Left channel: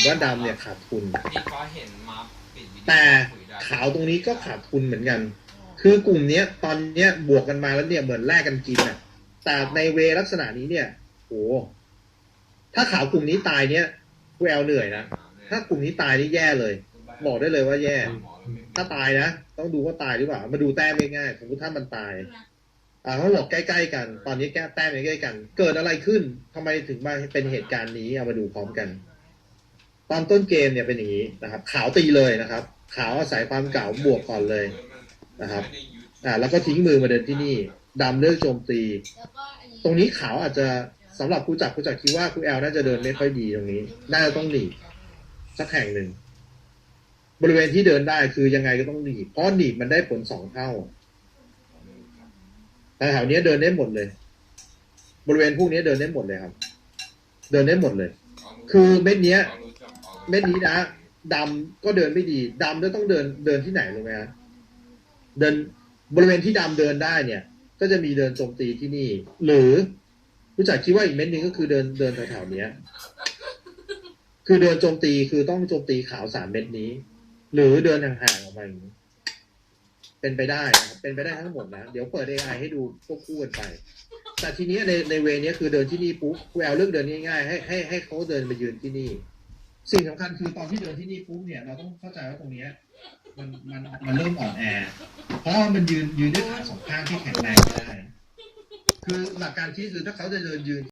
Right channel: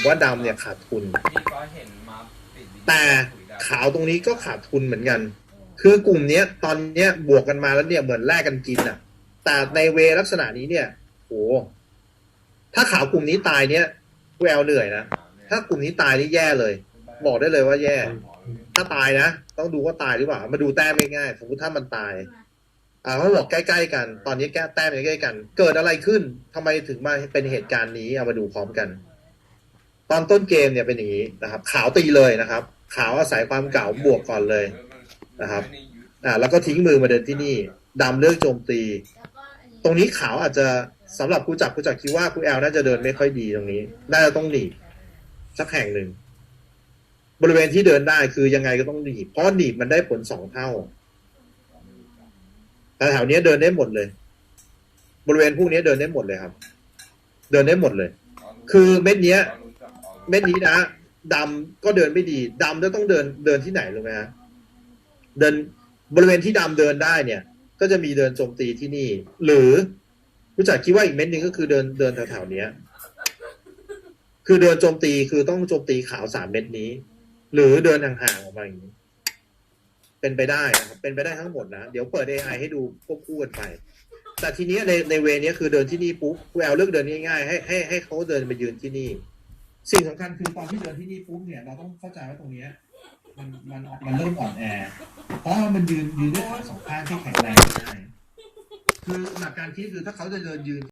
ผมว่าดำเนี่ยขาดทุนพี่ก็เห็นมาปิดวิดีโอแต่คุยได้ขาวตรงนี้ก็ขาดทุนเหมือนกัน คือกลุ่มเนี้ยตอนเนี้ยบวกกันมาแล้วเนี่ยเหมือนแลกกันกินอะ แต่ในเวลักษณะนี้เนี่ยโหถ้าขาวกลุ่มนี้ตายเนี่ยกูแอลเหนื่อยนะ ถ้ากลุ่มนี้ตายนี่แย่เลย บอกได้เลยว่าแย่ ถ้าตายนะ ต้องดูว่าตายหรือเปล่า มาดูแต้มง่ายๆสมมติถ้ามันตาย อ่าเขาบอกใกล้ๆกัน ตอนนี้แก้แต้มใกล้ๆกัน เกิดอะไรขึ้นทำไมถึงมาเป็นเหตุการณ์นี้ เอามาดูพร้อมกัน ตอนต้นเกมเนี่ยเป็นอย่างนี้นะครับ ขาวตีเลยนะครับ ขาวอาศัยความเก่าบวกก่อนเลยนะครับอ่าแล้วก็ทิ้งมือมาเดินที่นี่ดำเลือกโจมตี ตรงนี้ขาวอาจจะสำหรับกูจักกูจักคิดว่ากูแอลน่าจะเดินไม่ค่อยดีตรงนี้ น่าจะต้องหนีสักแห่งหนึ่ง บริเวณที่เดินได้คือยังไงก็ต้องหนีเพราะหนีมันได้ผลสองเท่า แต่แถวนี้เดินได้หมดเลย บริเวณพวกนี้เดินได้หมดเลยครับ เดินได้หมดเลย คือเม็ดเนี้ย เม็ดนี้นะดำก็เดินไม่ดีดำจะต้องเดินเดินที่ไหนรู้ไหมฮะเดินบริเวณที่ดำเดินได้เนี่ย ก็จะมีเดินโจมตีที่นี่ หรือผู้จัดคิดว่าอีกเม็ดหนึ่งก็คือเดินเดินแถวๆเนี้ย คือเดินโจมตีคือต้องโจมตีขาวสามเม็ดนี้ หรือเดินห่างๆออกมาอย่างนี้เป็นไปได้นะครับเป็นไปได้ทั้งหมดนะเดี๋ยวเปิด AI ให้ดูควบคู่กันไป แต่ทีนี้ในในเวนี้คือเดินที่นี่ปุ๊บแอลเลือกเดินง่ายๆให้ให้ให้เขาเดินมายืนที่นี่ สิ่งสำคัญคือตอนที่เดินที่นี่ปุ๊บเนี่ยเราต้องเข้าใจว่าตรงเนี้ยมันมันมันเริ่มอ่อนแอ เพราะว่ามันยืนยืนด้วยขาสองข้างที่แข็งแรงไม่ได้คือหลักการคิดคือถ้าเขาจะเดินยืน